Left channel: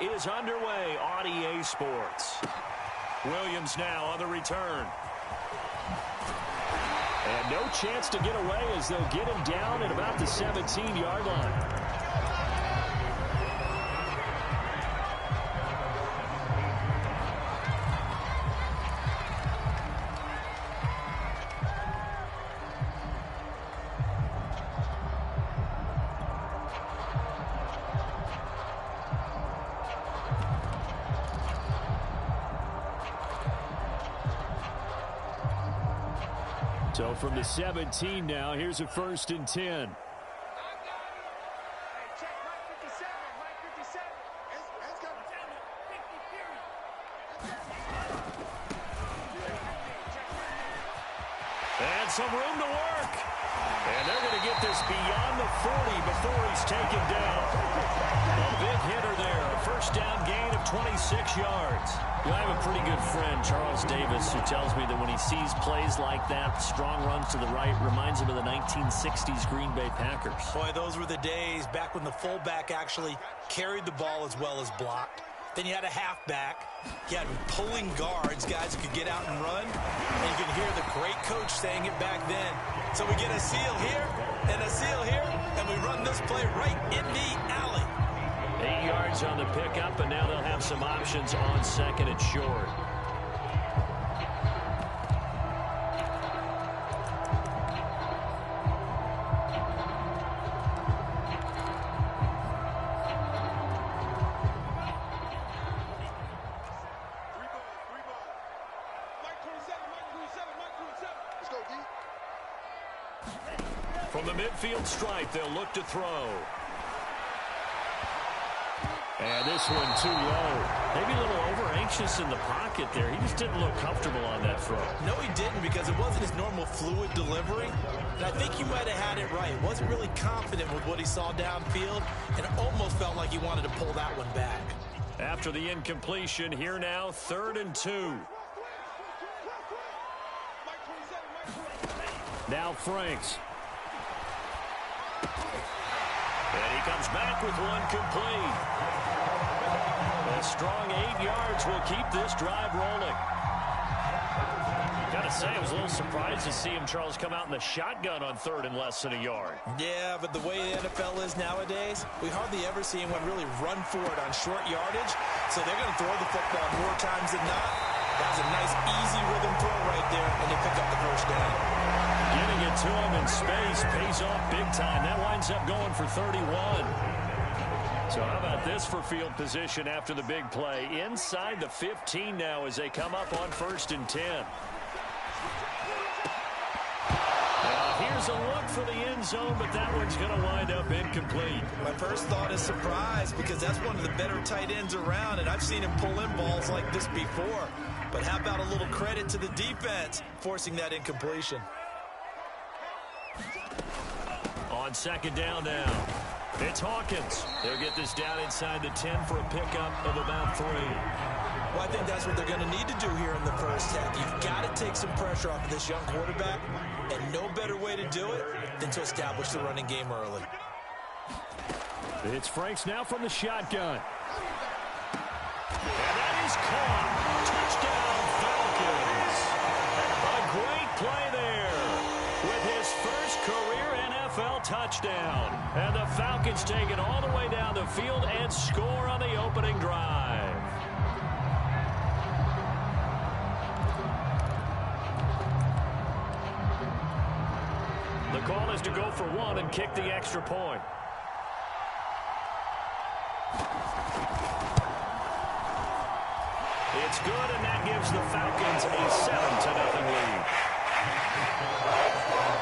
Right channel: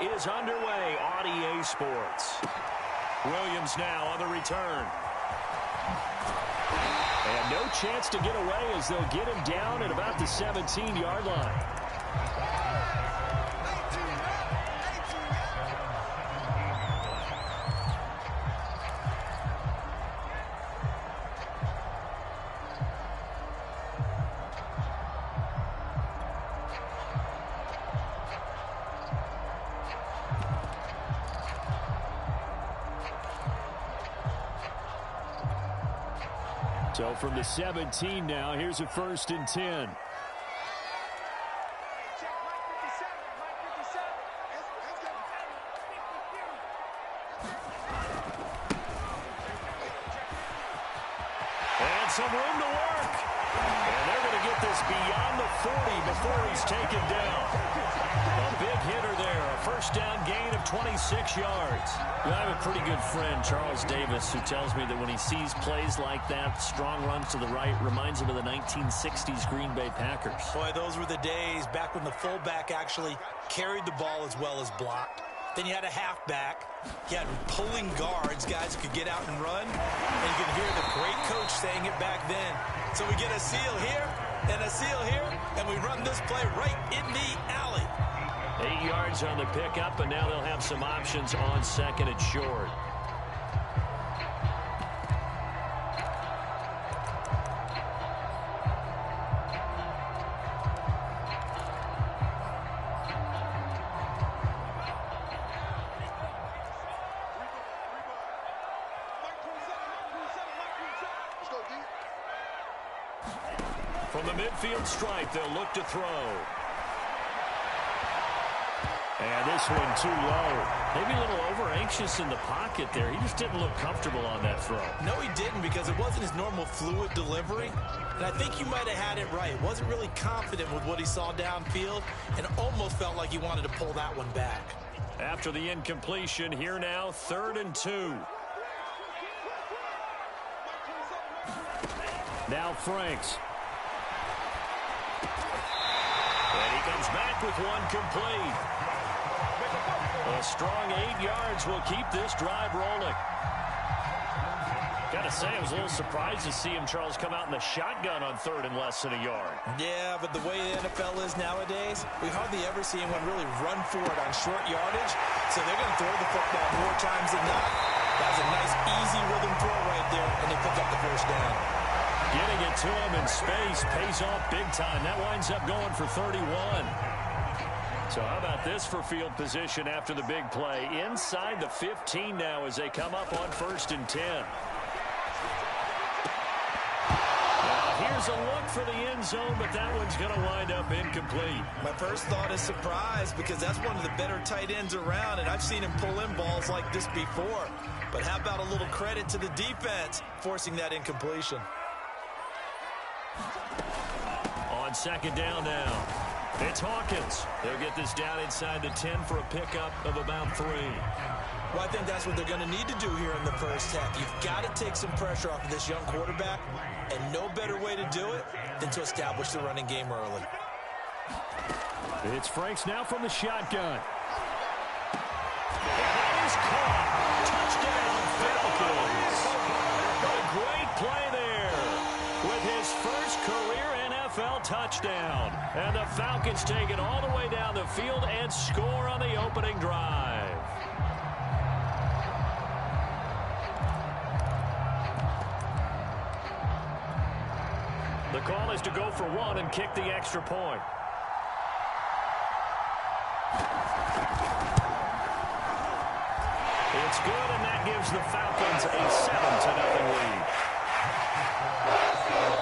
is underway on EA Sports. Williams now on the return. And no chance to get away as they'll get him down at about the 17-yard line. So from the 17 now, here's a 1st and 10. Hey, check Mike 57, Mike 57. Let's go. 50, period. And some room to work. And they're going to get this beyond the 40 before he's taken down. A big hitter there. A 1st down gain of 26 yards. I have a pretty good friend, Charles Davis, who tells me that when he sees plays like that, strong runs to the right, reminds him of the 1960s Green Bay Packers. Boy, those were the days back when the fullback actually carried the ball as well as blocked. Then you had a halfback. You had pulling guards, guys who could get out and run. And you can hear the great coach saying it back then. So we get a seal here and a seal here, and we run this play right in the alley. 8 yards on the pickup, and now they'll have some options on 2nd and short. From the midfield stripe, they'll look to throw. And this one too low. Maybe a little over-anxious in the pocket there. He just didn't look comfortable on that throw. No, he didn't, because it wasn't his normal fluid delivery. And I think you might have had it right. Wasn't really confident with what he saw downfield and almost felt like he wanted to pull that one back. After the incompletion, here now, 3rd and 2. Now Franks. And he comes back with one complete. A strong 8 yards will keep this drive rolling. Gotta say, I was a little surprised to see him, Charles, come out in the shotgun on 3rd and less than a yard. Yeah, but the way the NFL is nowadays, we hardly ever see anyone really run for it on short yardage. So they're going to throw the football more times than not. That was a nice, easy rhythm throw right there, and they pick up the 1st down. Getting it to him in space pays off big time. That winds up going for 31. So how about this for field position after the big play? Inside the 15 now as they come up on 1st and 10. Now here's a look for the end zone, but that one's going to wind up incomplete. My first thought is surprise, because that's one of the better tight ends around, and I've seen him pull in balls like this before. But how about a little credit to the defense forcing that incompletion? On 2nd down now, it's Hawkins. They'll get this down inside the 10 for a pickup of about 3. Well, I think that's what they're going to need to do here in the 1st half. You've got to take some pressure off of this young quarterback, and no better way to do it than to establish the running game early. It's Franks now from the shotgun. And that is caught. Touchdown, Falcons. A great play there with his first career NFL touchdown. And the Falcons take it all the way down the field and score on the opening drive. The call is to go for 1 and kick the extra point. It's good, and that gives the Falcons a 7-0 lead.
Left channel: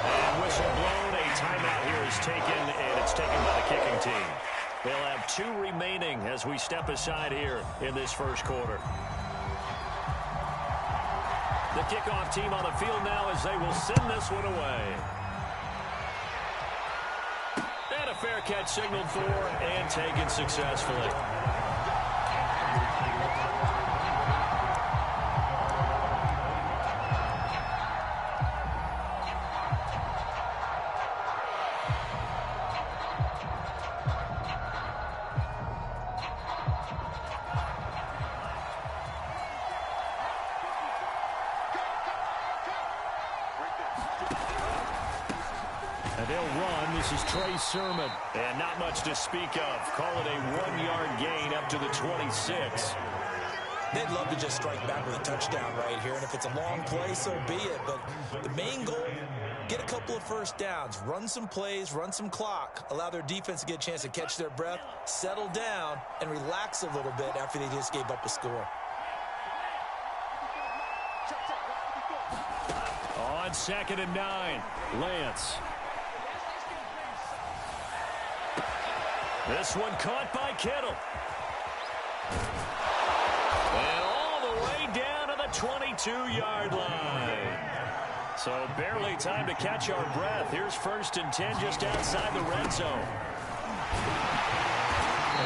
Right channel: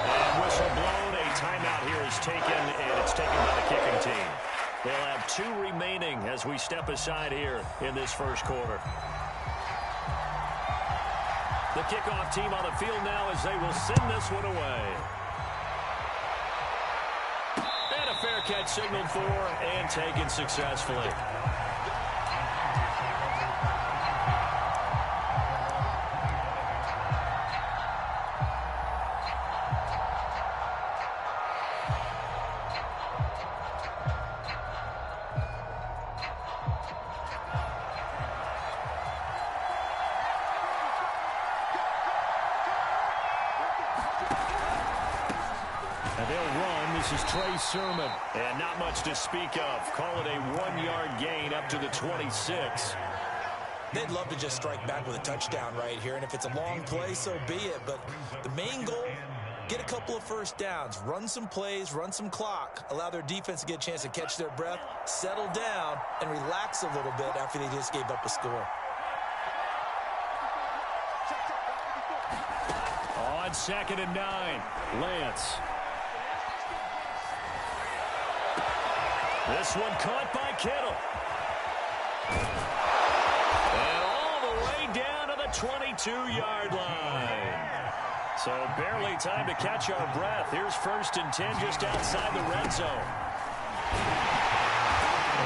And whistle blown, a timeout here is taken, and it's taken by the kicking team. They'll have 2 remaining as we step aside here in this 1st quarter. The kickoff team on the field now as they will send this one away. And a fair catch signaled for and taken successfully. And they'll run. This is Trey Sermon. And not much to speak of. Call it a 1-yard gain up to the 26. They'd love to just strike back with a touchdown right here. And if it's a long play, so be it. But the main goal, get a couple of first downs. Run some plays, run some clock. Allow their defense to get a chance to catch their breath, settle down, and relax a little bit after they just gave up a score. On 2nd and 9, Lance. This one caught by Kittle. And all the way down to the 22-yard line. So barely time to catch our breath. Here's 1st and 10 just outside the red zone.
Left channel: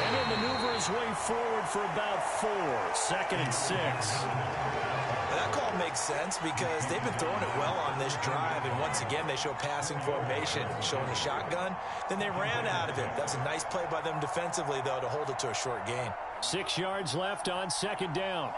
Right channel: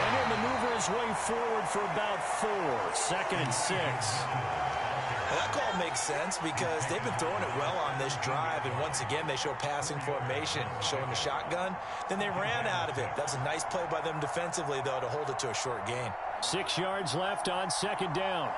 And he'll maneuver his way forward for about 4. 2nd and 6. That call makes sense because they've been throwing it well on this drive, and once again they show passing formation, showing the shotgun. Then they ran out of it. That's a nice play by them defensively, though, to hold it to a short gain. 6 yards left on 2nd down.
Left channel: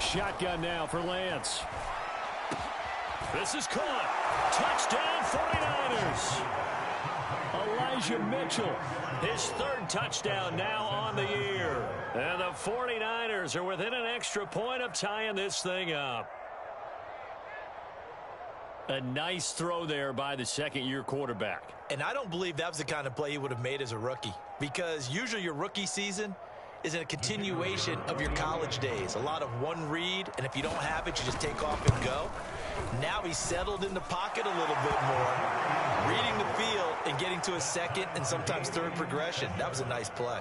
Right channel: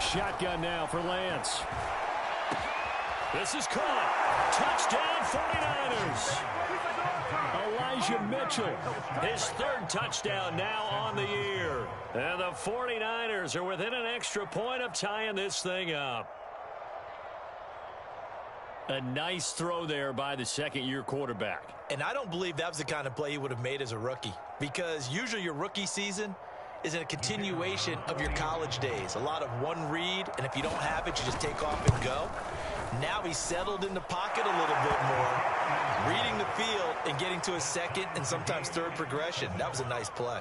Shotgun now for Lance. This is caught. Touchdown 49ers. Elijah Mitchell, his 3rd touchdown now on the year. And the 49ers are within an extra point of tying this thing up. A nice throw there by the 2nd-year quarterback. And I don't believe that was the kind of play he would have made as a rookie, because usually your rookie season is a continuation of your college days. A lot of one read, and if you don't have it, you just take off and go. Now he's settled in the pocket a little bit more, reading the field and getting to a 2nd and sometimes 3rd progression. That was a nice play.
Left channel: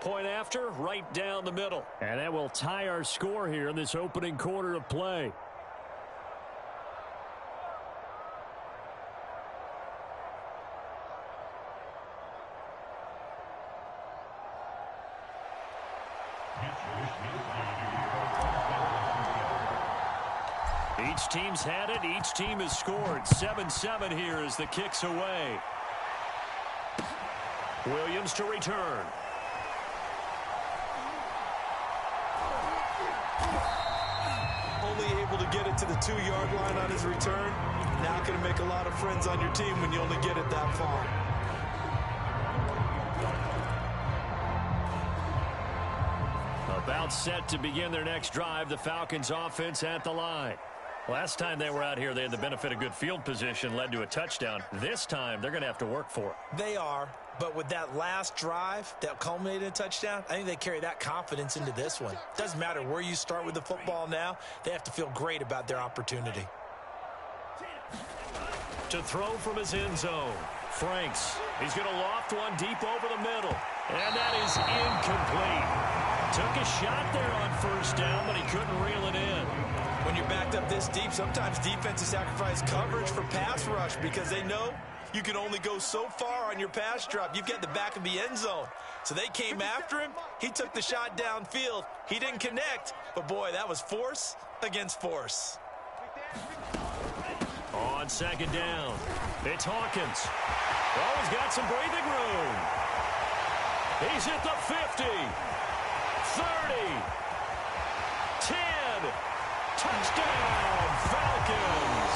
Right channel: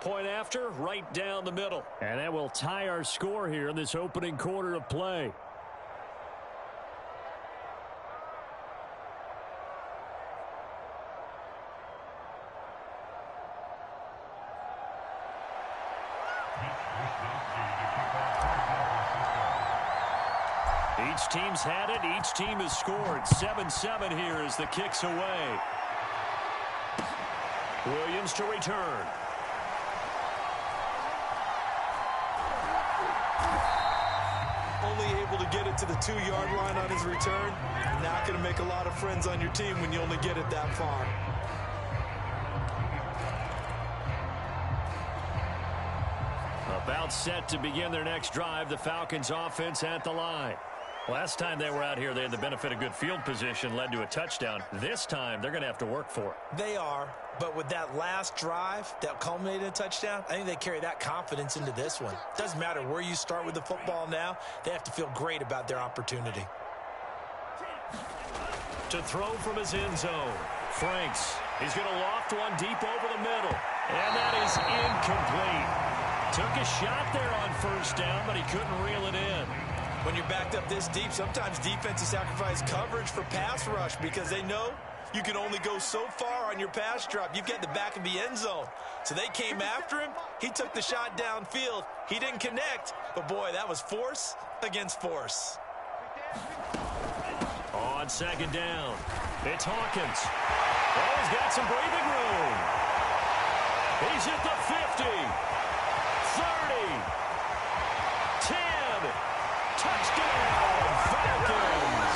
Point after, right down the middle. And that will tie our score here in this opening quarter of play. Each team's had it. Each team has scored. 7-7 here as the kick's away. Williams to return. Only able to get it to the 2-yard line on his return. Not going to make a lot of friends on your team when you only get it that far. About set to begin their next drive. The Falcons offense at the line. Last time they were out here, they had the benefit of good field position, led to a touchdown. This time, they're going to have to work for it. They are, but with that last drive that culminated in a touchdown, I think they carry that confidence into this one. Doesn't matter where you start with the football now, they have to feel great about their opportunity. To throw from his end zone, Franks. He's going to loft one deep over the middle, and that is incomplete. Took a shot there on 1st down, but he couldn't reel it in. When you're backed up this deep, sometimes defenses sacrifice coverage for pass rush because they know you can only go so far on your pass drop. You've got the back of the end zone. So they came after him. He took the shot downfield. He didn't connect. But, boy, that was force against force. On 2nd down, it's Hawkins. Oh, he's got some breathing room. He's at the 50. 30. 10. Touchdown, Falcons.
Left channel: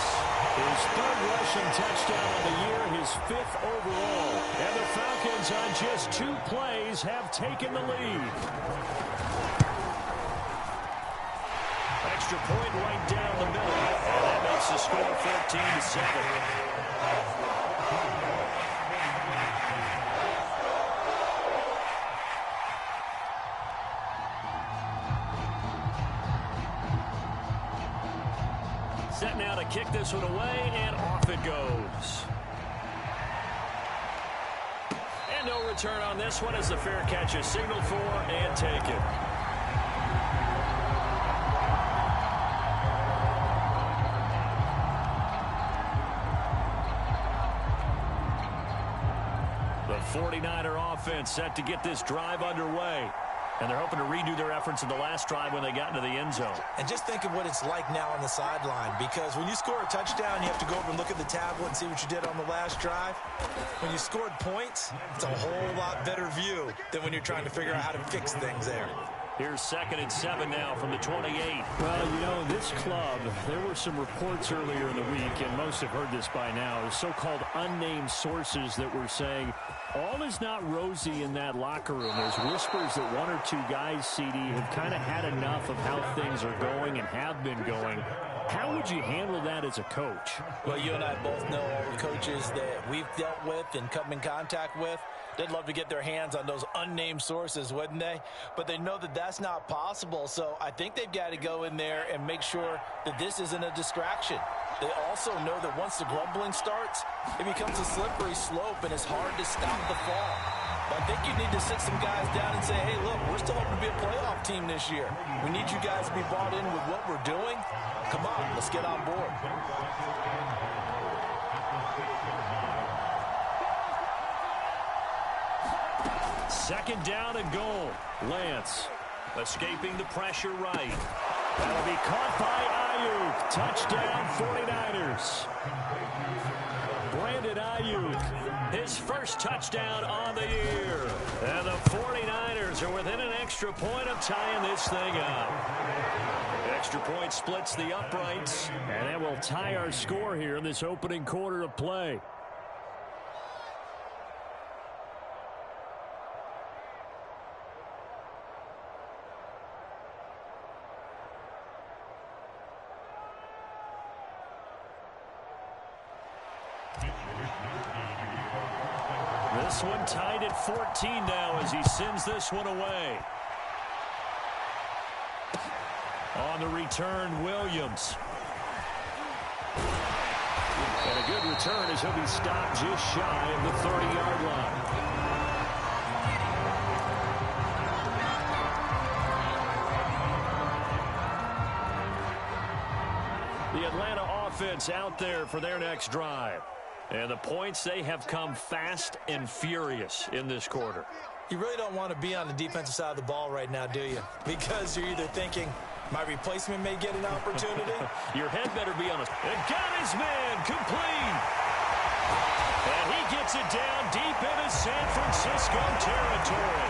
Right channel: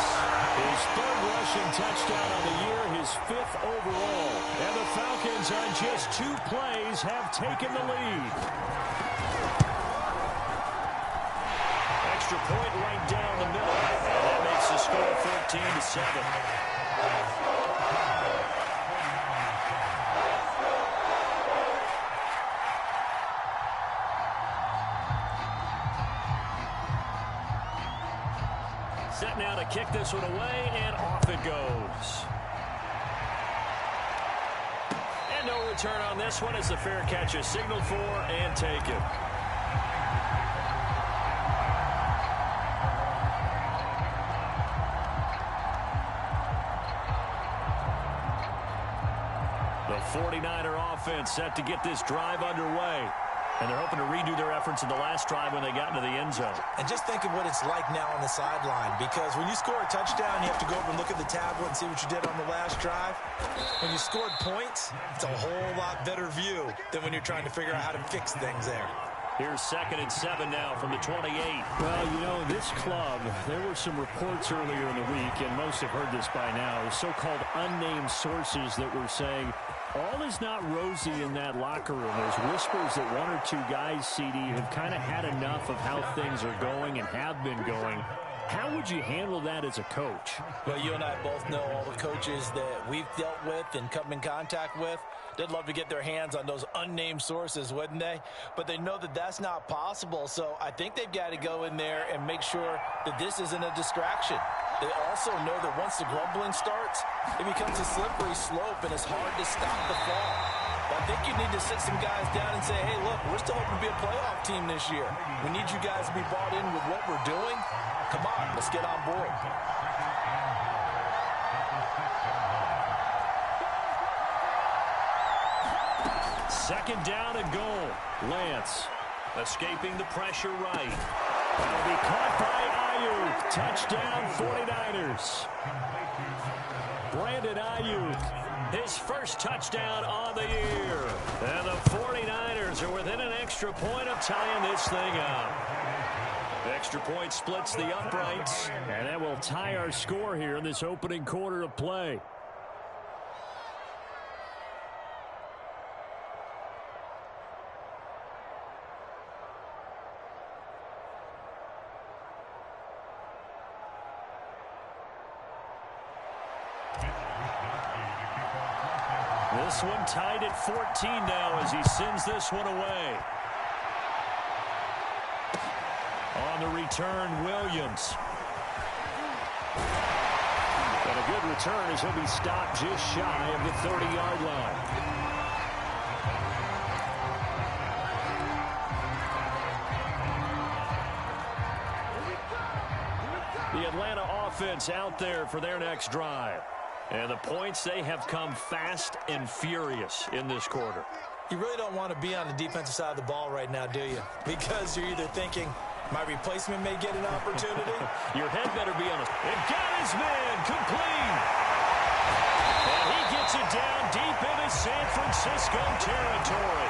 His 3rd rushing touchdown of the year, his 5th overall. And the Falcons on just 2 plays have taken the lead. Extra point right down the middle. And that makes the score 14-7. Set now to kick this one away, and off it goes. And no return on this one as the fair catch is signaled for and taken. The 49er offense set to get this drive underway. And they're hoping to redo their efforts in the last drive when they got into the end zone. And just think of what it's like now on the sideline, because when you score a touchdown, you have to go over and look at the tablet and see what you did on the last drive. When you scored points, it's a whole lot better view than when you're trying to figure out how to fix things there. Here's 2nd and 7 now from the 28. Well, you know, this club, there were some reports earlier in the week, and most have heard this by now, so-called unnamed sources that were saying all is not rosy in that locker room. There's whispers that one or two guys, CD, have kind of had enough of how things are going and have been going. How would you handle that as a coach? Well, you and I both know all the coaches that we've dealt with and come in contact with. They'd love to get their hands on those unnamed sources, wouldn't they? But they know that that's not possible, so I think they've got to go in there and make sure that this isn't a distraction. They also know that once the grumbling starts, it becomes a slippery slope, and it's hard to stop the fall. But I think you need to sit some guys down and say, hey, look, we're still hoping to be a playoff team this year. We need you guys to be bought in with what we're doing. Come on, let's get on board. Second down and goal. Lance escaping the pressure right. That'll be caught by Ayuk. Touchdown 49ers. Brandon Ayuk, his first touchdown on the year. And the 49ers are within an extra point of tying this thing up. Extra point splits the uprights. And that will tie our score here in this opening quarter of play. This one tied at 14 now as he sends this one away. On the return, Williams. And a good return as he'll be stopped just shy of the 30-yard line. The Atlanta offense out there for their next drive. And the points, they have come fast and furious in this quarter. You really don't want to be on the defensive side of the ball right now, do you? Because you're either thinking, my replacement may get an opportunity. Your head better be on a... And got his man complete. And he gets it down deep into San Francisco territory.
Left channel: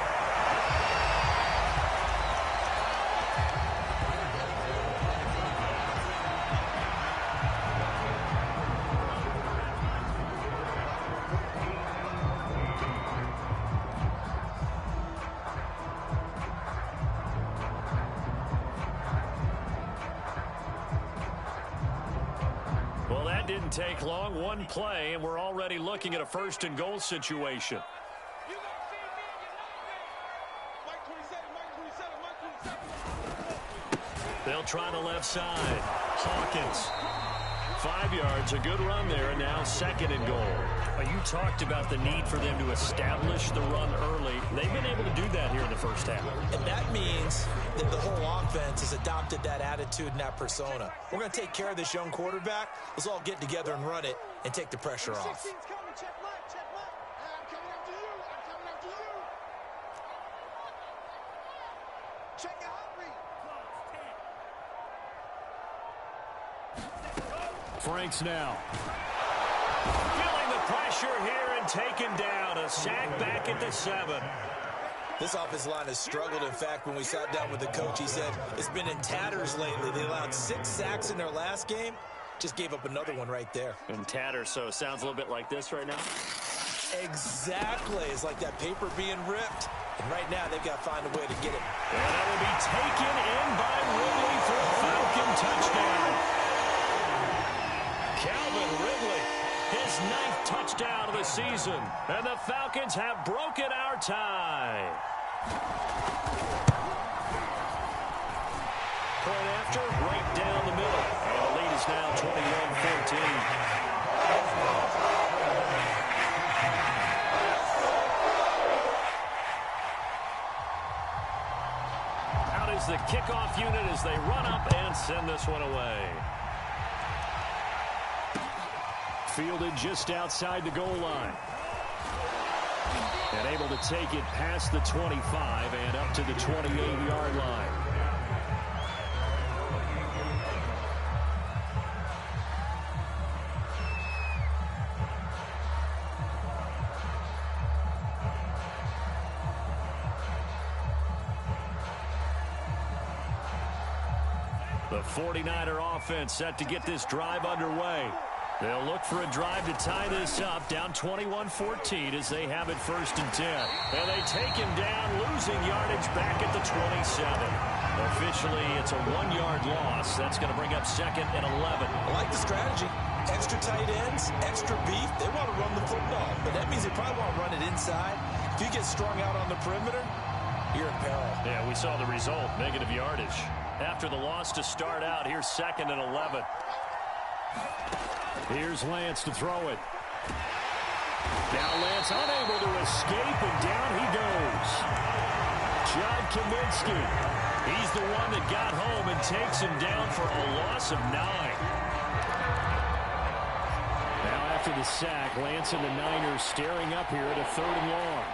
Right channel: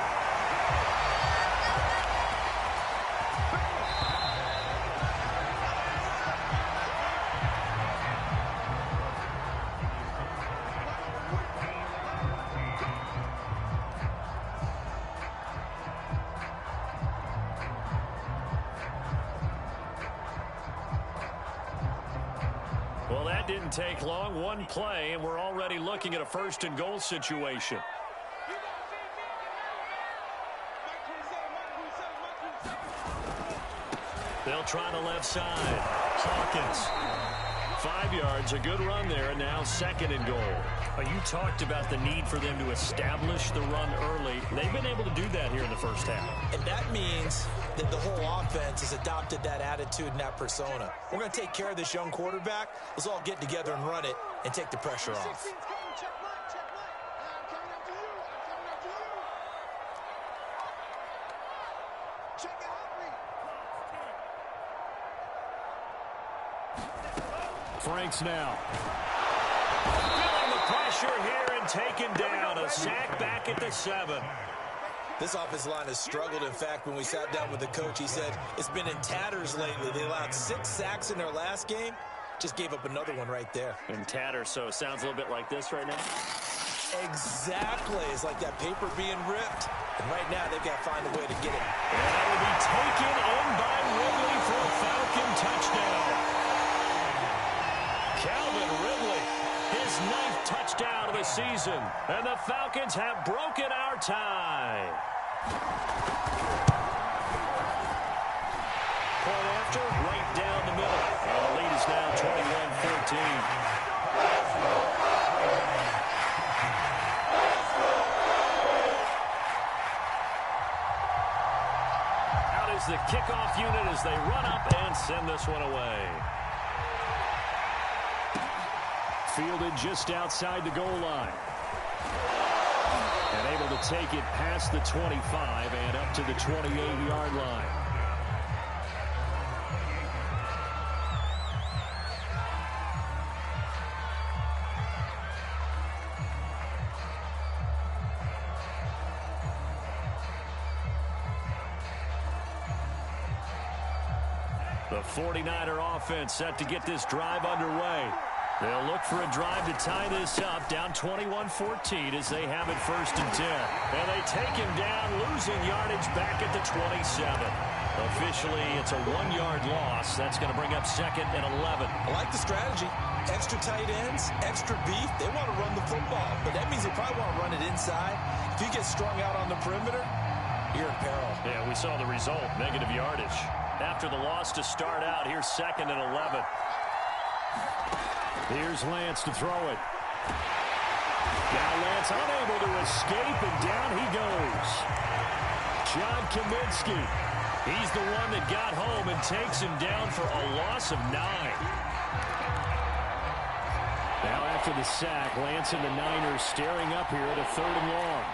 Well, that didn't take long. One play, and we're already looking at a first and goal situation. They'll try the left side. Hawkins. 5 yards, a good run there, and now 2nd and goal. You talked about the need for them to establish the run early. They've been able to do that here in the first half. And that means that the whole offense has adopted that attitude and that persona. We're going to take care of this young quarterback. Let's all get together and run it and take the pressure off. Franks now. Feeling the pressure here and taken down. A sack back at the 7. This offensive line has struggled. In fact, when we sat down with the coach, he said it's been in tatters lately. They allowed 6 sacks in their last game. Just gave up another one right there. In tatters, so it sounds a little bit like this right now. Exactly. It's like that paper being ripped. And right now, they've got to find a way to get it. And that will be taken in by Ridley for a Falcon touchdown. Calvin Ridley, his 9th touchdown of the season. And the Falcons have broken our tie. Point after, right down the middle. And the lead is now 21-14. Out is the kickoff unit as they run up and send this one away. Fielded just outside the goal line. And able to take it past the 25 and up to the 28-yard line. The 49er offense set to get this drive underway. They'll look for a drive to tie this up, down 21-14 as they have it 1st and 10. And they take him down, losing yardage back at the 27. Officially, it's a 1-yard loss. That's going to bring up 2nd and 11. I like the strategy. Extra tight ends, extra beef. They want to run the football, but that means they probably want to run it inside. If you get strung out on the perimeter, you're in peril. Yeah, we saw the result, negative yardage. After the loss to start out, here's 2nd and 11. Here's Lance to throw it. Now Lance unable to escape, and down he goes. John Kaminsky. He's the one that got home and takes him down for a loss of 9. Now after the sack, Lance and the Niners staring up here at a 3rd and long.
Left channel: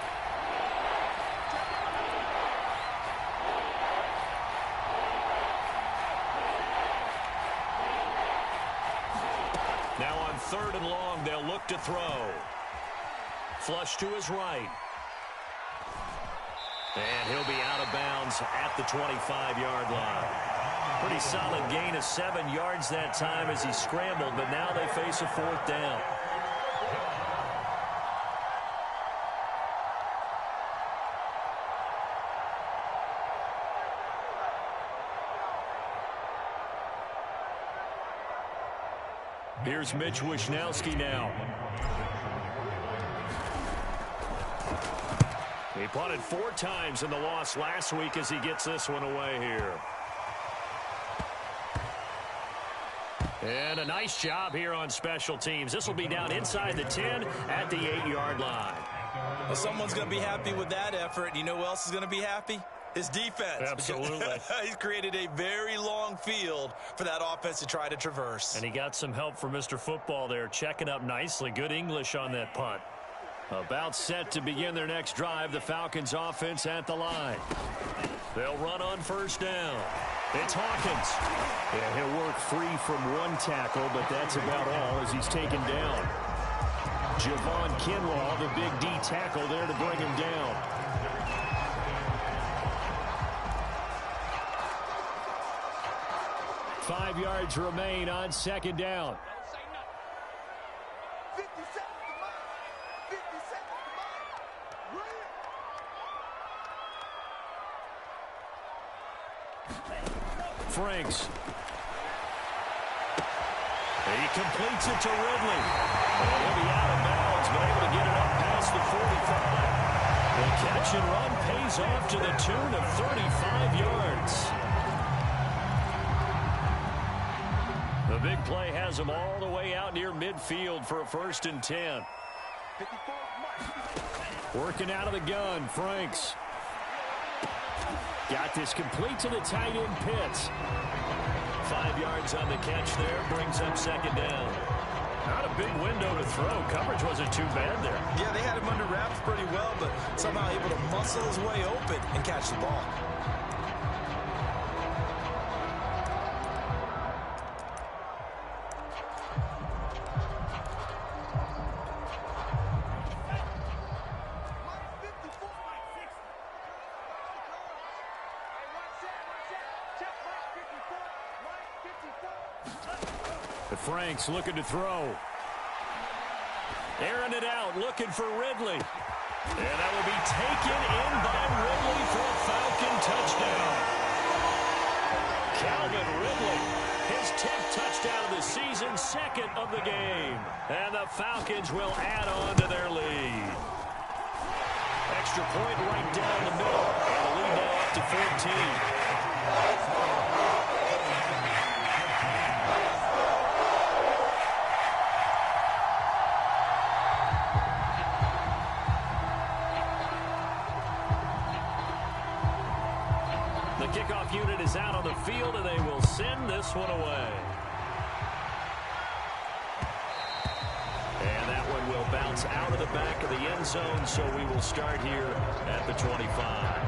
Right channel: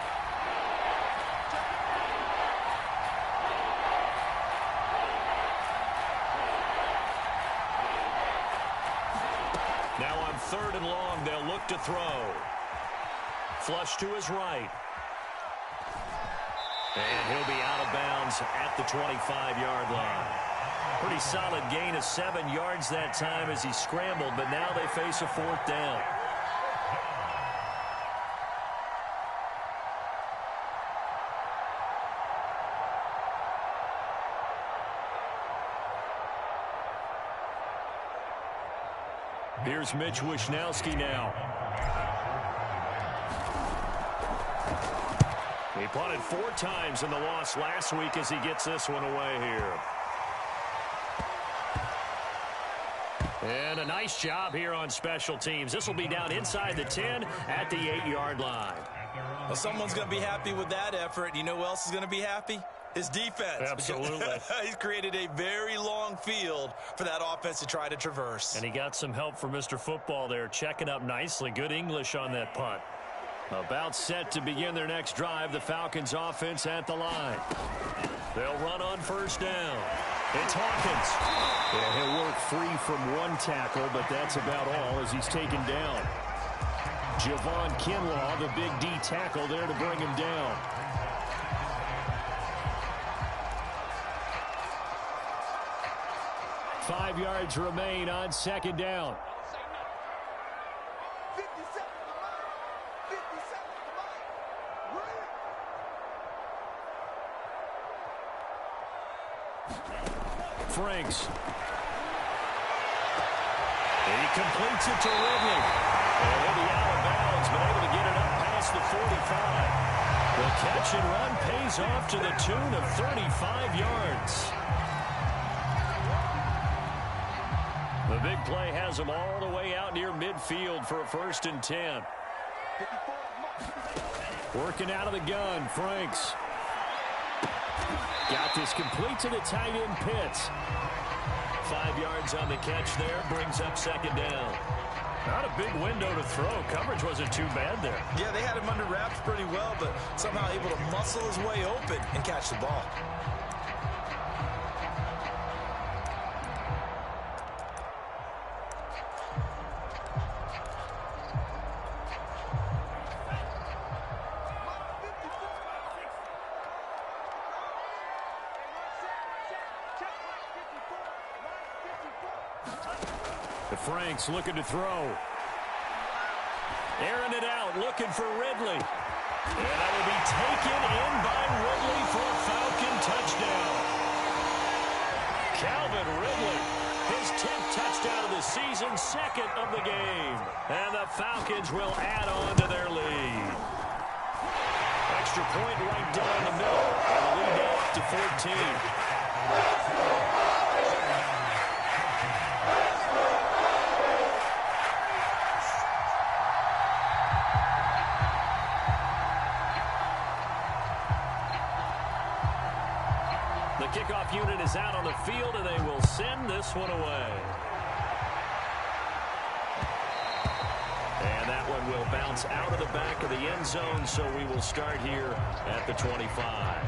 Now on 3rd and long, they'll look to throw. Flush to his right. And he'll be out of bounds at the 25-yard line. Pretty solid gain of 7 yards that time as he scrambled, but now they face a 4th down. Here's Mitch Wishnowski now. He punted 4 times in the loss last week as he gets this one away here. And a nice job here on special teams. This will be down inside the 10 at the 8-yard line. Well, someone's going to be happy with that effort. You know who else is going to be happy? His defense. Absolutely. He's created a very long field for that offense to try to traverse. And he got some help from Mr. Football there, checking up nicely. Good English on that punt. About set to begin their next drive, the Falcons offense at the line. They'll run on 1st down. It's Hawkins. Yeah, he'll work free from 1 tackle, but that's about all as he's taken down. Javon Kinlaw, the big D tackle there to bring him down. Five yards remain on 2nd down. Don't say nothing. 50 seconds to mine. 50 seconds to mine. Franks. He completes it to Ridley. And he'll be out of bounds, but able to get it up past the 45. The catch and run pays off to the tune of 35 yards. The big play has him all the way out near midfield for a 1st and 10. 54 Working out of the gun, Franks. Got this complete to the tight end Pitts. 5 yards on the catch there, brings up 2nd down. Not a big window to throw. Coverage wasn't too bad there. Yeah, they had him under wraps pretty well, but somehow able to muscle his way open and catch the ball. Franks looking to throw. Airing it out, looking for Ridley. And that will be taken in by Ridley for a Falcon touchdown. Calvin Ridley, his 10th touchdown of the season, 2nd of the game. And the Falcons will add on to their lead. Extra point right down the middle. And the lead now up to 14. The kickoff unit is out on the field, and they will send this one away. And that one will bounce out of the back of the end zone, so we will start here at the 25.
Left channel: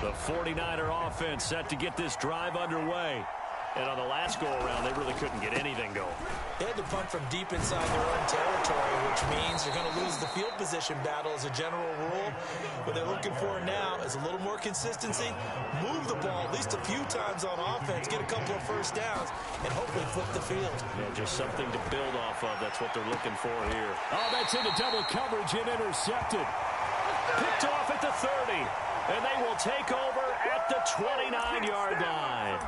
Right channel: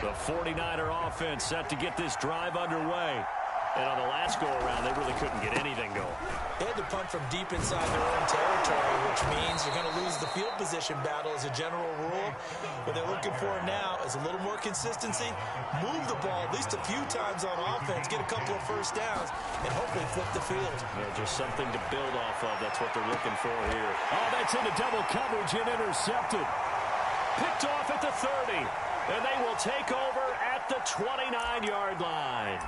The 49er offense set to get this drive underway. And on the last go-around, they really couldn't get anything going. They had to punt from deep inside their own territory, which means you're going to lose the field position battle as a general rule. What they're looking for now is a little more consistency, move the ball at least a few times on offense, get a couple of first downs, and hopefully flip the field. Yeah, just something to build off of. That's what they're looking for here. Oh, that's into double coverage and intercepted. Picked off at the 30, and they will take over at the 29-yard line.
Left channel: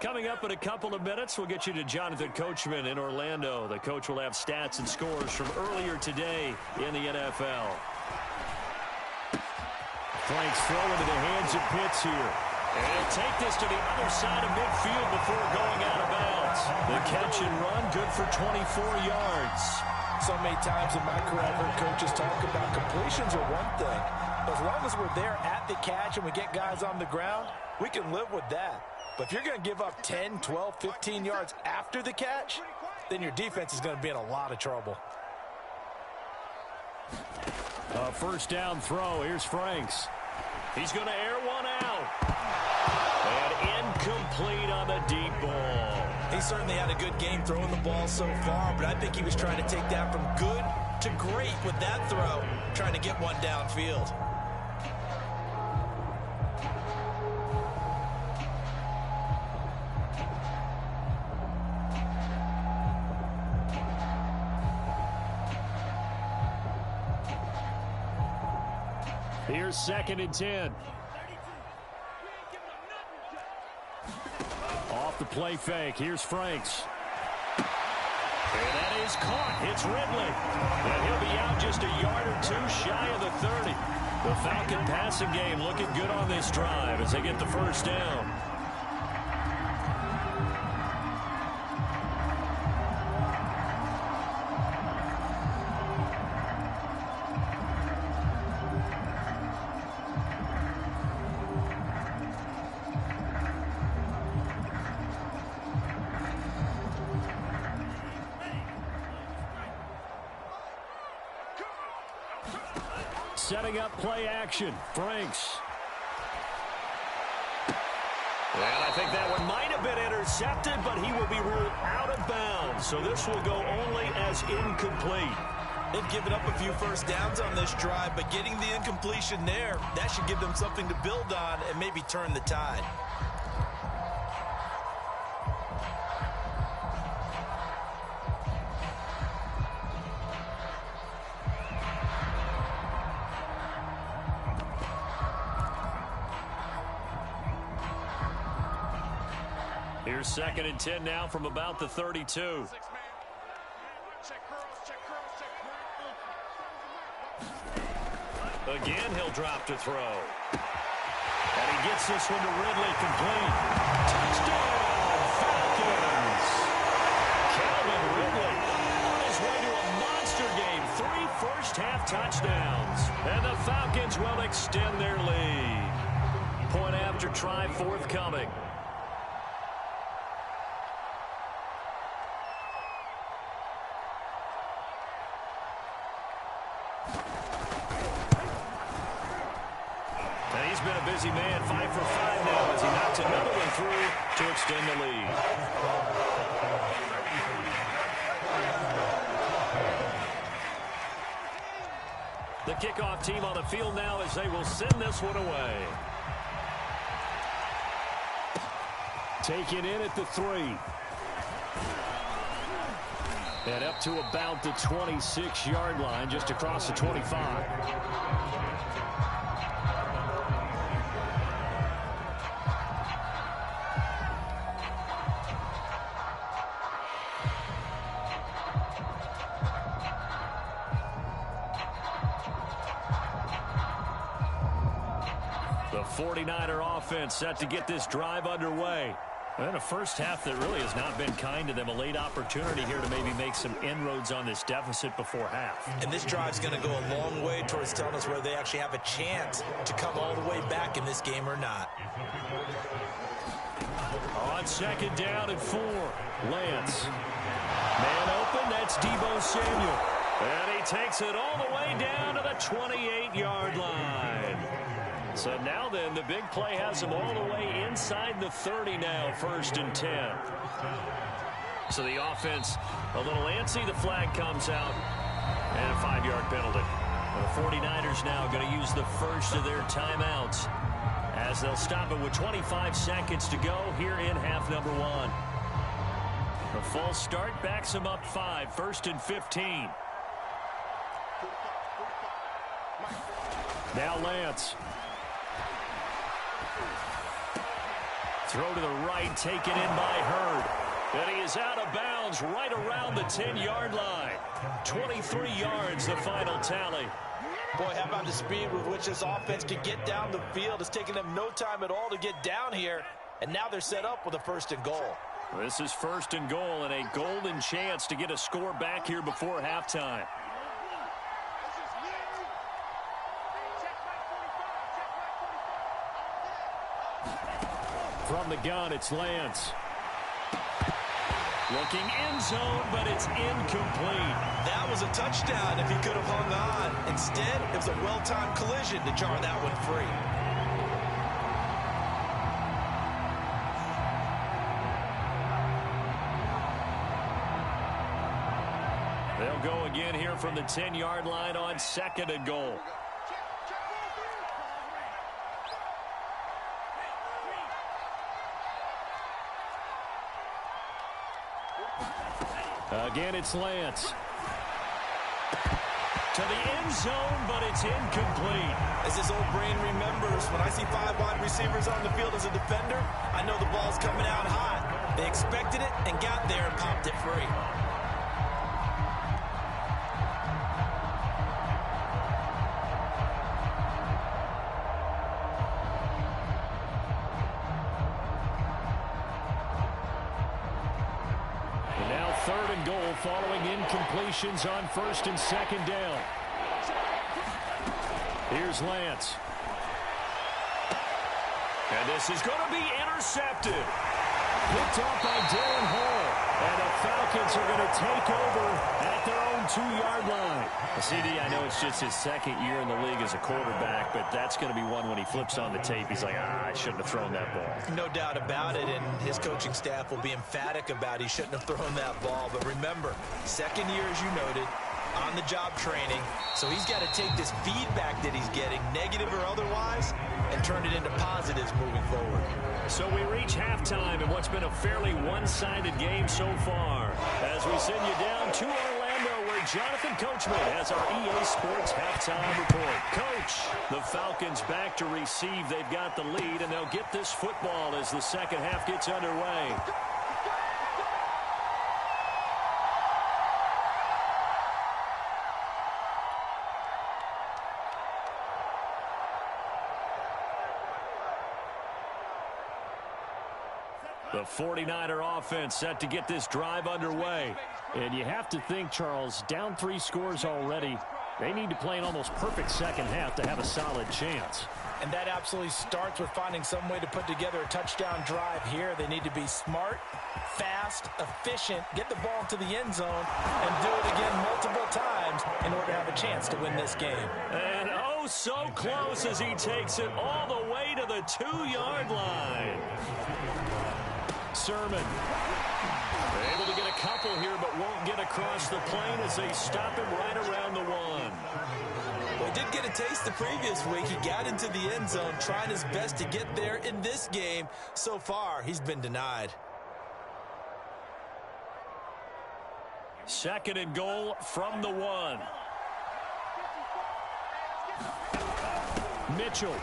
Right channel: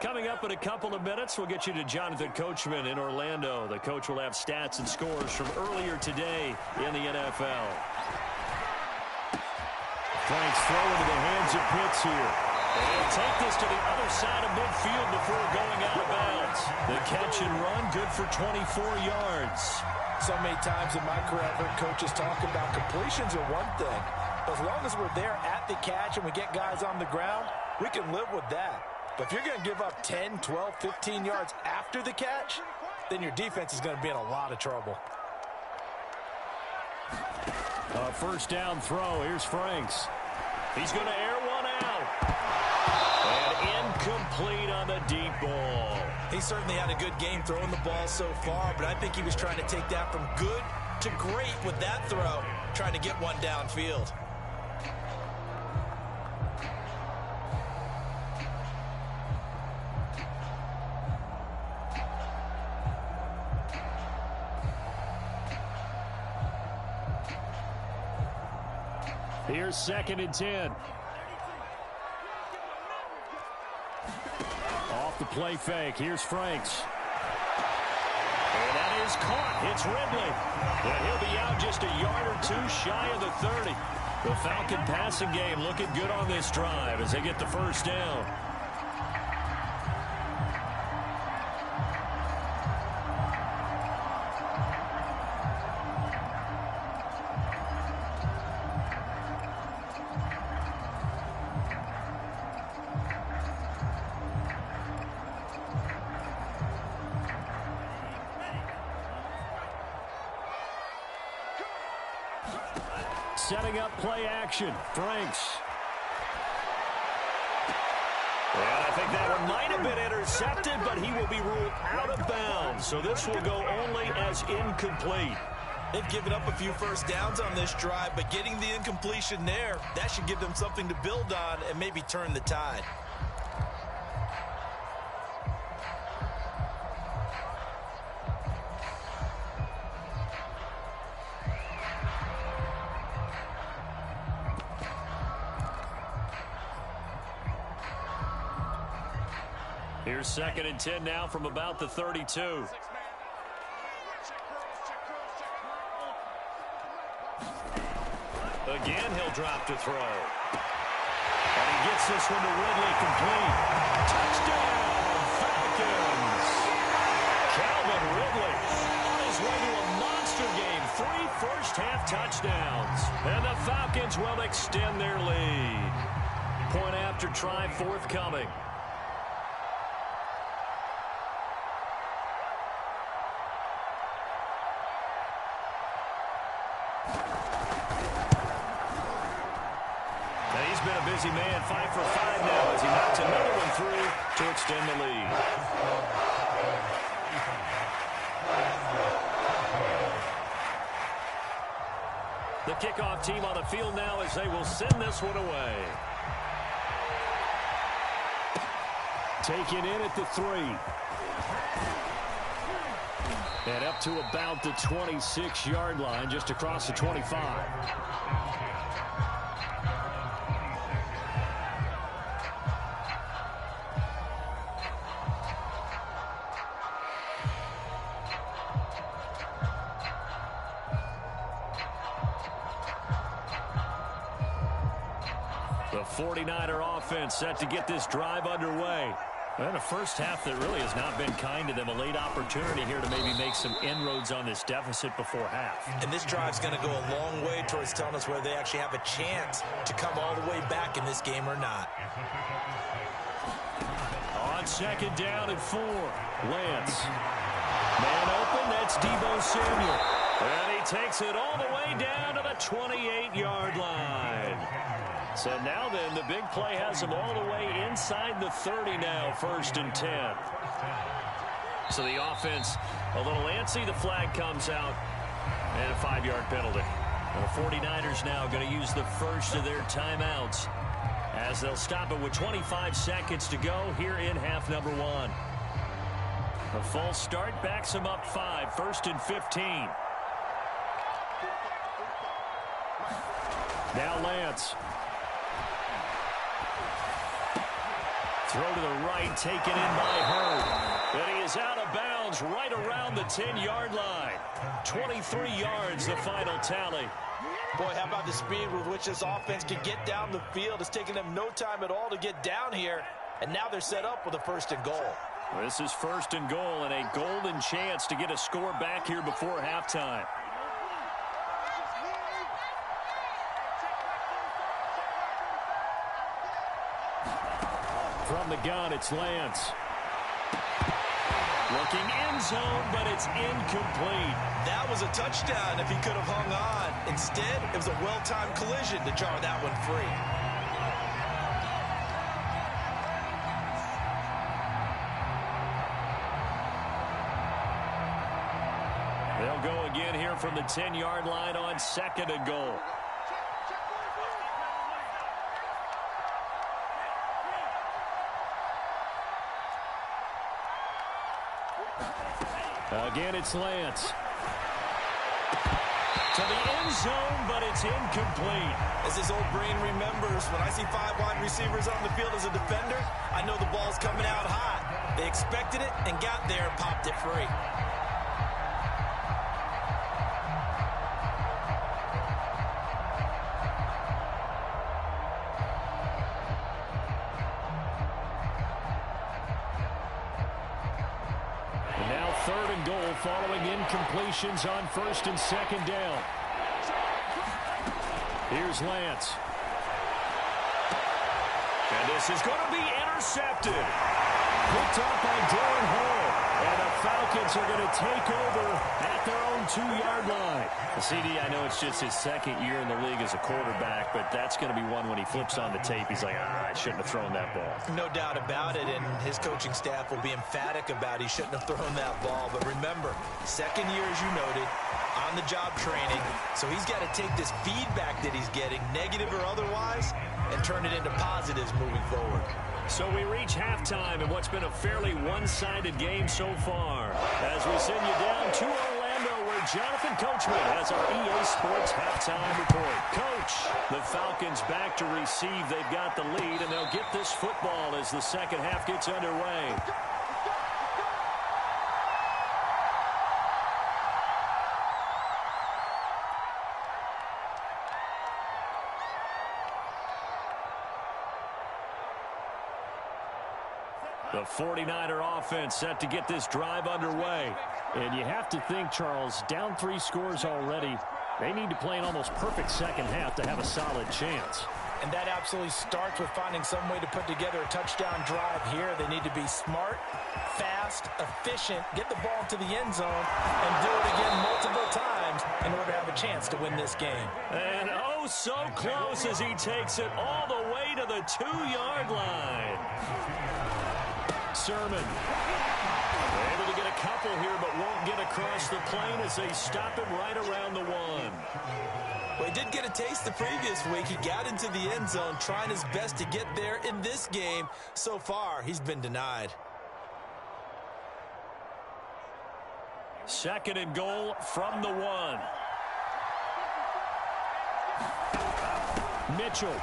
Coming up in a couple of minutes, we'll get you to Jonathan Coachman in Orlando. The coach will have stats and scores from earlier today in the NFL. Frank's throw into the hands of Pitts here. And he'll take this to the other side of midfield before going out of bounds. The catch and run, good for 24 yards. So many times in my career, I've heard coaches talk about completions are one thing. But as long as we're there at the catch and we get guys on the ground, we can live with that. But if you're going to give up 10, 12, 15 yards after the catch, then your defense is going to be in a lot of trouble. First down throw. Here's Franks. He's going to air one out. And incomplete on the deep ball. He certainly had a good game throwing the ball so far, but I think he was trying to take that from good to great with that throw, trying to get one downfield. Here's 2nd and 10. Off the play fake. Here's Franks. And that is caught. It's Ridley. And he'll be out just a yard or two shy of the 30. The Falcon passing game looking good on this drive as they get the first down. Setting up play action. Franks. And I think that one might have been intercepted, but he will be ruled out of bounds. So this will go only as incomplete. They've given up a few first downs on this drive, but getting the incompletion there, that should give them something to build on and maybe turn the tide. Here's 2nd and 10 now from about the 32. Again, he'll drop to throw. And he gets this one to Ridley complete. Touchdown, Falcons! Calvin Ridley on his way to a monster game. 3 first-half touchdowns. And the Falcons will extend their lead. Point after try forthcoming. And he's been a busy man, 5 for 5 now as he knocks another one through to extend the lead. The kickoff team on the field now as they will send this one away. Taken in at the 3. And up to about the 26-yard line, just across the 25. 49er offense set to get this drive underway. And a first half that really has not been kind to them. A late opportunity here to maybe make some inroads on this deficit before half. And this drive's going to go a long way towards telling us whether they actually have a chance to come all the way back in this game or not. On second down and 4, Lance. Man open, that's Deebo Samuel. And he takes it all the way down to the 28-yard line. So now then, the big play has him all the way inside the 30 now, 1st and 10. So the offense a little antsy. The flag comes out, and a 5-yard penalty. And the 49ers now going to use the first of their timeouts as they'll stop it with 25 seconds to go here in half number 1. The full start backs him up 5, 1st and 15. Now Lance. Throw to the right, taken in by Hurd. And he is out of bounds right around the 10-yard line. 23 yards, the final tally. Boy, how about the speed with which this offense can get down the field? It's taken them no time at all to get down here. And now they're set up with a 1st and goal. This is 1st and goal and a golden chance to get a score back here before halftime. From the gun, it's Lance. Looking end zone, but it's incomplete. That was a touchdown if he could have hung on. Instead, it was a well-timed collision to jar that one free. They'll go again here from the 10-yard line on 2nd and goal. Again, it's Lance. To the end zone, but it's incomplete. As his old brain remembers, when I see 5 wide receivers on the field as a defender, I know the ball's coming out hot. They expected it and got there and popped it free. Now 3rd and goal following incompletions on 1st and 2nd down. Here's Lance. And this is going to be intercepted. Picked off by Darren Hall. And the Falcons are going to take over at their own 2-yard line. CD, I know it's just his 2nd year in the league as a quarterback, but that's going to be one when he flips on the tape. He's like, I shouldn't have thrown that ball. No doubt about it, and his coaching staff will be emphatic about he shouldn't have thrown that ball. But remember, 2nd year, as you noted, on-the-job training. So he's got to take this feedback that he's getting, negative or otherwise, and turn it into positives moving forward. So we reach halftime in what's been a fairly one-sided game so far. As we send you down to Orlando, where Jonathan Coachman has our EA Sports halftime report. Coach, the Falcons back to receive. They've got the lead, and they'll get this football as the second half gets underway. The 49er offense set to get this drive underway. And you have to think, Charles, down 3 scores already. They need to play an almost perfect second half to have a solid chance. And that absolutely starts with finding some way to put together a touchdown drive here. They need to be smart, fast, efficient, get the ball to the end zone, and do it again multiple times in order to have a chance to win this game. And oh, so close as he takes it all the way to the 2-yard line. Sermon able to get a couple here, but won't get across the plane as they stop him right around the 1. Well, he did get a taste the previous week. He got into the end zone, trying his best to get there in this game. So far, he's been denied. 2nd and goal from the 1. Mitchell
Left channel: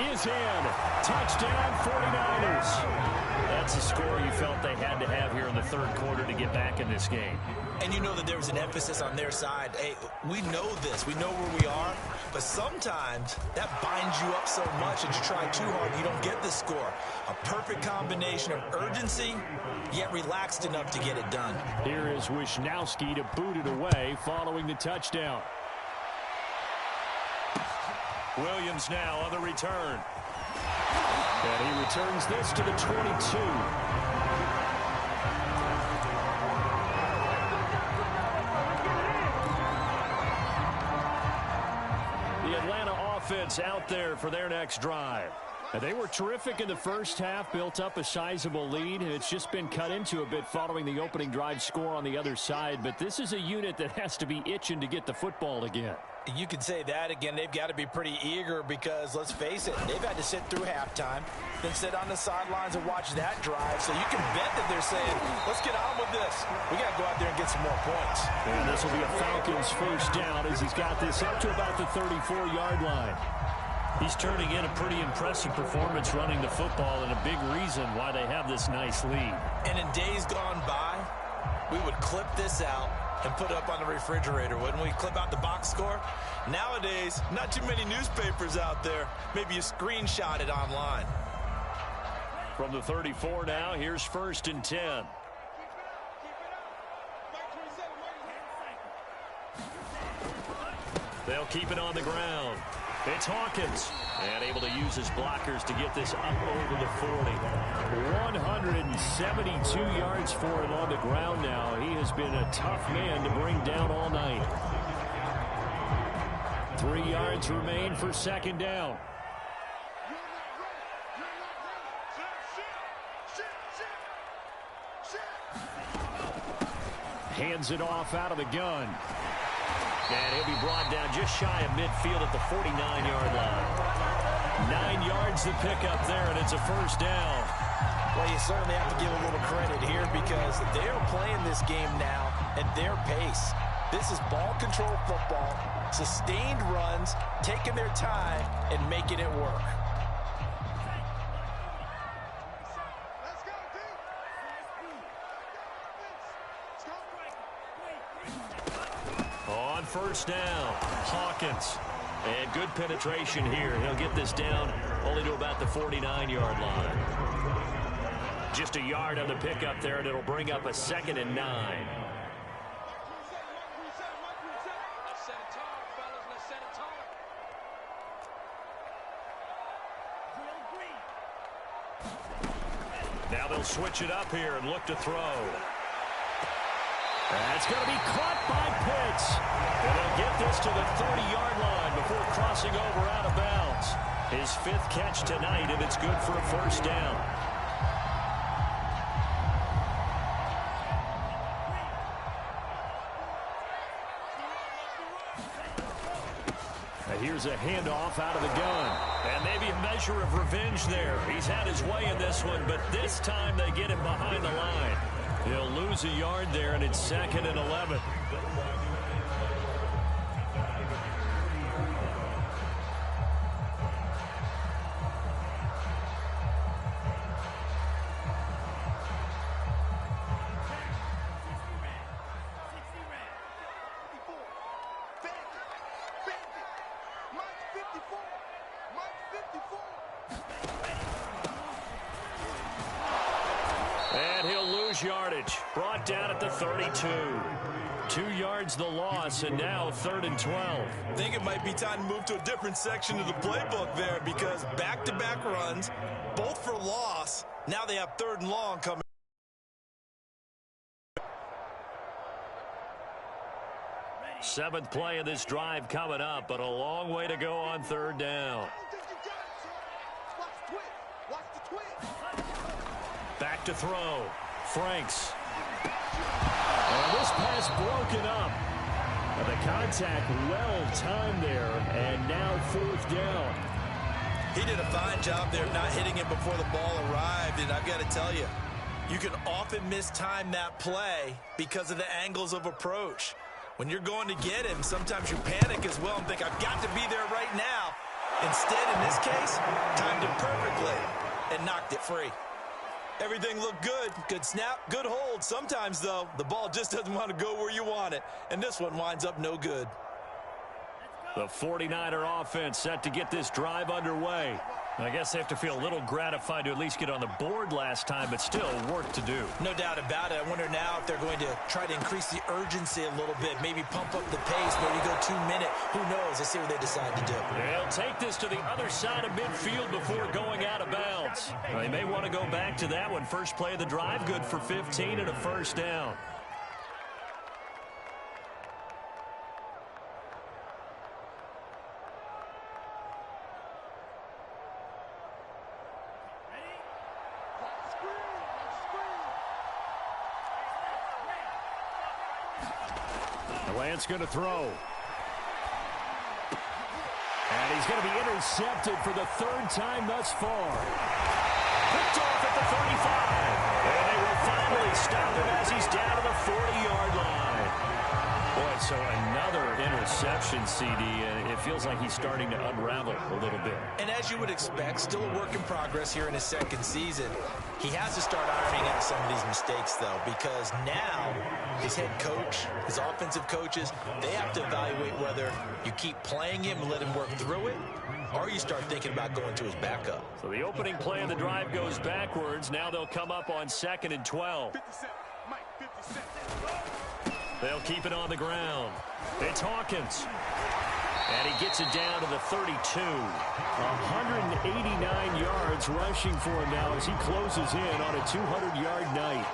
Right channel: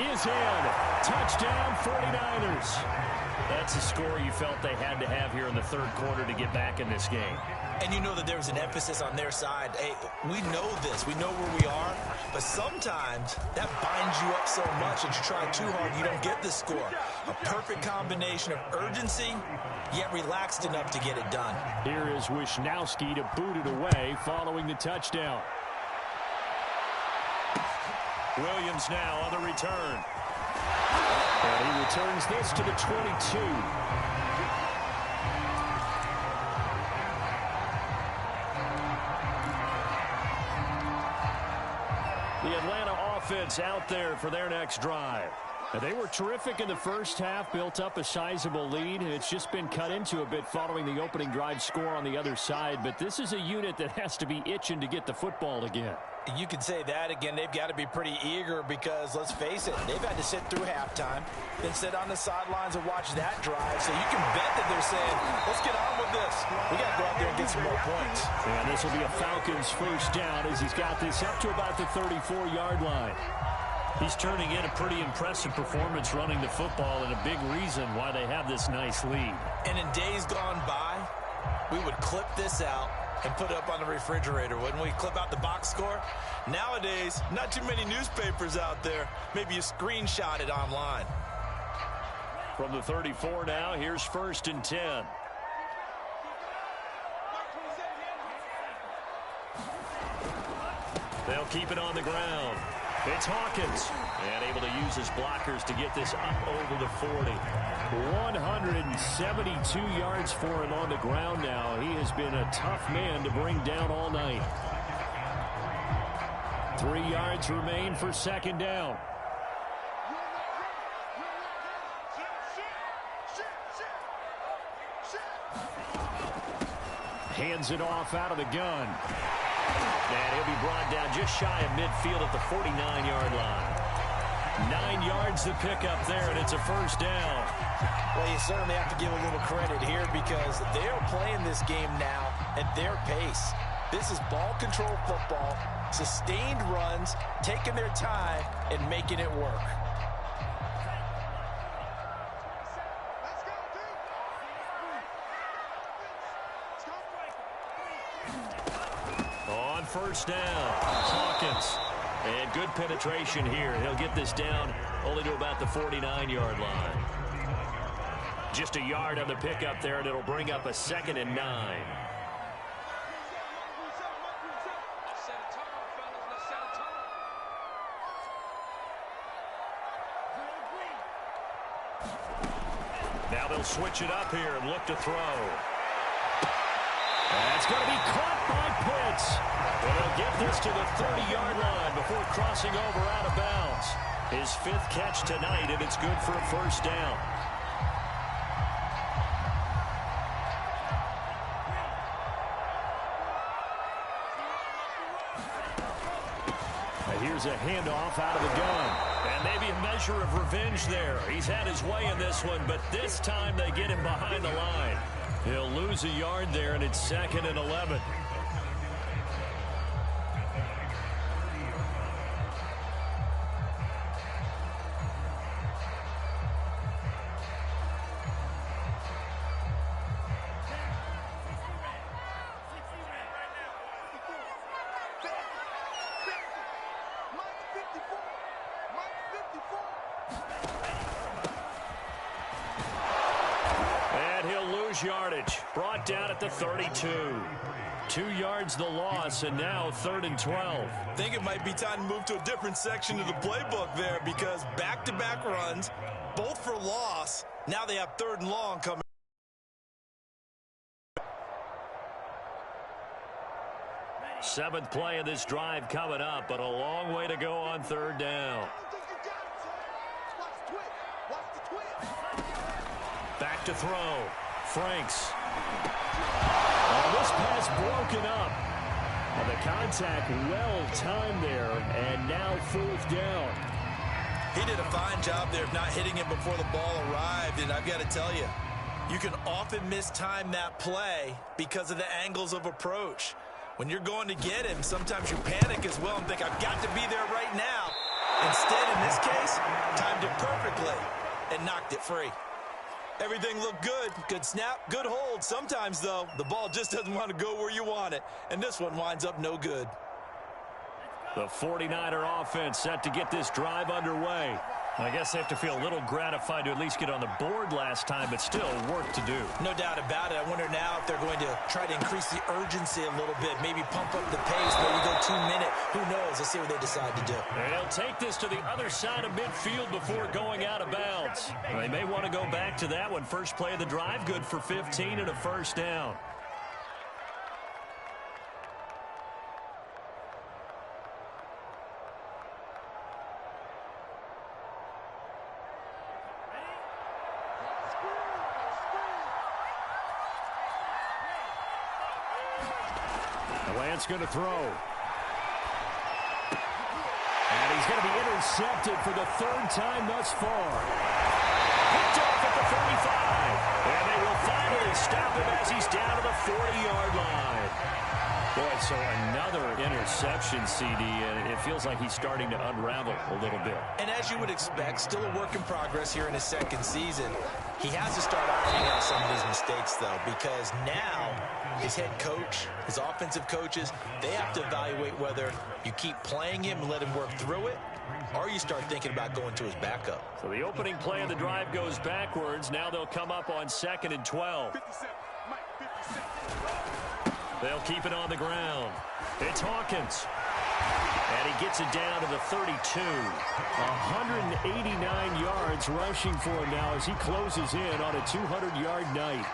is in. Touchdown, 49ers. That's a score you felt they had to have here in the third quarter to get back in this game. And you know that there was an emphasis on their side. Hey, we know this. We know where we are. But sometimes that binds you up so much that you try too hard, you don't get the score. A perfect combination of urgency, yet relaxed enough to get it done. Here is Wisnowski to boot it away following the touchdown. Williams now on the return. And he returns this to the 22. The Atlanta offense out there for their next drive. And they were terrific in the first half, built up a sizable lead. It's just been cut into a bit following the opening drive score on the other side. But this is a unit that has to be itching to get the football again. You can say that again. They've got to be pretty eager because, let's face it, they've had to sit through halftime, then sit on the sidelines and watch that drive. So you can bet that they're saying, let's get on with this. We got to go out there and get some more points. And this will be a Falcons first down as he's got this up to about the 34-yard line. He's turning in a pretty impressive performance running the football and a big reason why they have this nice lead. And in days gone by, we would clip this out and put it up on the refrigerator, wouldn't we? Clip out the box score. Nowadays, not too many newspapers out there. Maybe you screenshot it online. From the 34 now, here's 1st and 10. They'll keep it on the ground. It's Hawkins, and able to use his blockers to get this up over the 40. 172 yards for him on the ground now. He has been a tough man to bring down all night. 3 yards remain for second down. Hands it off out of the gun. And he'll be brought down just shy of midfield at the 49-yard line. 9 yards to pick up there, and it's a first down. Well, you certainly have to give a little credit here because they're playing this game now at their pace. This is ball control football, sustained runs, taking their time, and making it work. On first down, Hawkins. And good penetration here. He'll get this down only to about the 49-yard line. Just a yard on the pickup there, and it'll bring up a 2nd and 9. Now they'll switch it up here and look to throw. That's going to be caught by Pitts. And they'll get this to the 30-yard line before crossing over out of bounds. His 5th catch tonight, and it's good for a first down. Here's a handoff out of the gun. And maybe a measure of revenge there. He's had his way in this one, but this time they get him behind the line. He'll lose a yard there, and it's 2nd and 11. And he'll lose yardage. Brought down at the 32. 2 yards the loss, and now 3rd and 12. I think it might be time to move to a different section of the playbook there because back-to-back runs, both for loss. Now they have 3rd and long coming. Seventh play of this drive coming up, but a long way to go on 3rd down. Back to throw. Franks. And this pass broken up. Now the contact well timed there, and now 4th down. He did a fine job there of not hitting him before the ball arrived, and I've got to tell you, you can often mistime that play because of the angles of approach. When you're going to get him, sometimes you panic as well and think, I've got to be there right now. Instead, in this case, timed it perfectly and knocked it free. Everything looked good. Good snap, good hold. Sometimes, though, the ball just doesn't want to go where you want it, and this one winds up no good. The 49er offense set to get this drive underway. I guess they have to feel a little gratified to at least get on the board last time, but still work to do. No doubt about it. I wonder now if they're going to try to increase the urgency a little bit, maybe pump up the pace, maybe go 2 minute. Who knows? Let's see what they decide to do. They'll take this to the other side of midfield before going out of bounds. They may want to go back to that one. First play of the drive, good for 15 and a first down. Lance going to throw. And he's going to be intercepted for the third time thus far. Picked off at the 35. And they will finally stop him as he's down to the 40-yard line. Boy, so another interception, CD, and it feels like he's starting to unravel a little bit. And as you would expect, still a work in progress here in his second season. He has to start ironing out some of these mistakes, though, because now his head coach, his offensive coaches, they have to evaluate whether you keep playing him and let him work through it, or you start thinking about going to his backup. So the opening play of the drive goes backwards. Now they'll come up on 2nd and 12. 57, Mike, 57. They'll keep it on the ground. It's Hawkins. And he gets it down to the 32. 189 yards rushing for him now as he closes in on a 200-yard night.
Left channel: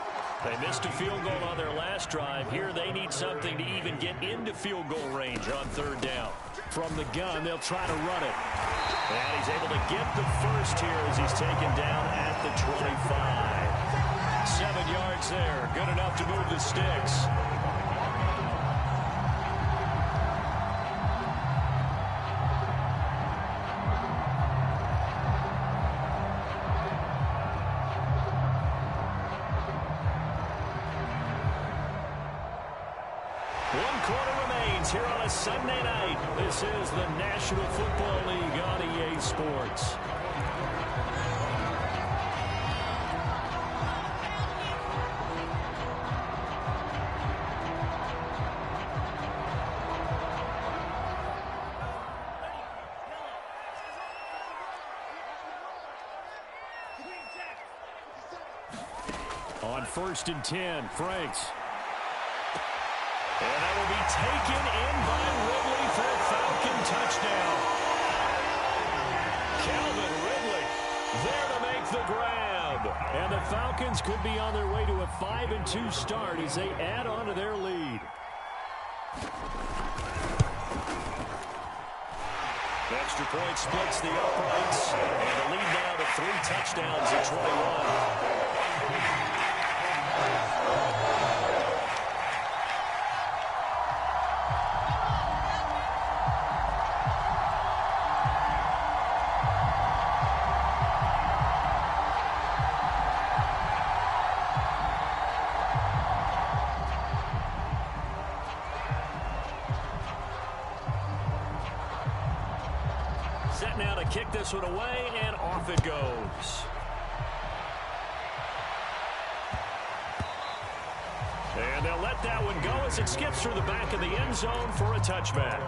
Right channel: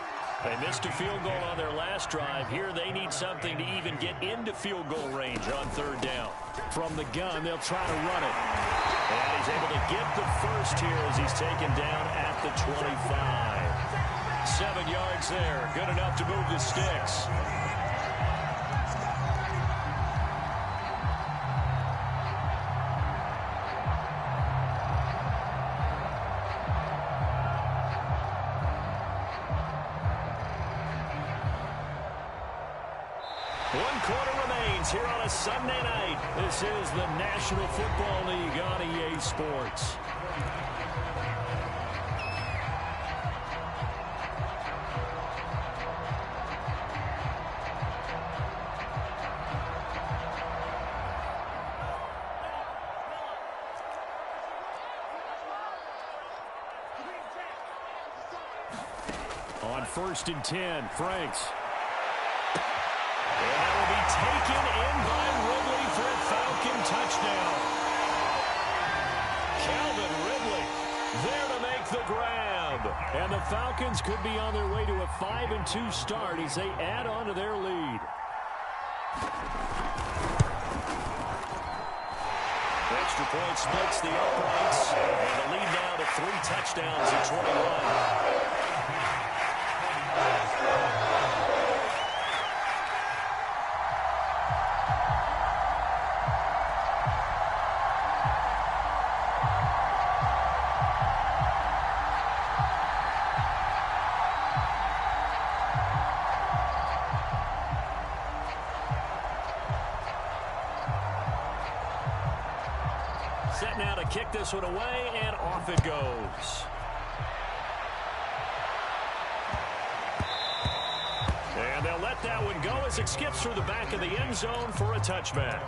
They missed a field goal on their last drive. Here they need something to even get into field goal range on third down. From the gun, they'll try to run it. And he's able to get the first here as he's taken down at the 25. 7 yards there. Good enough to move the sticks. One quarter remains here on a Sunday night. This is the National Football League on EA Sports. On 1st and 10, Franks. And that will be taken in by Ridley for a Falcon touchdown. Calvin Ridley there to make the grab. And the Falcons could be on their way to a 5-2 start as they add on to their lead. The extra point splits the uprights. And the lead now to 3 touchdowns at 21. Set now to kick this one away, and off it goes. And they'll let that one go as it skips through the back of the end zone for a touchback.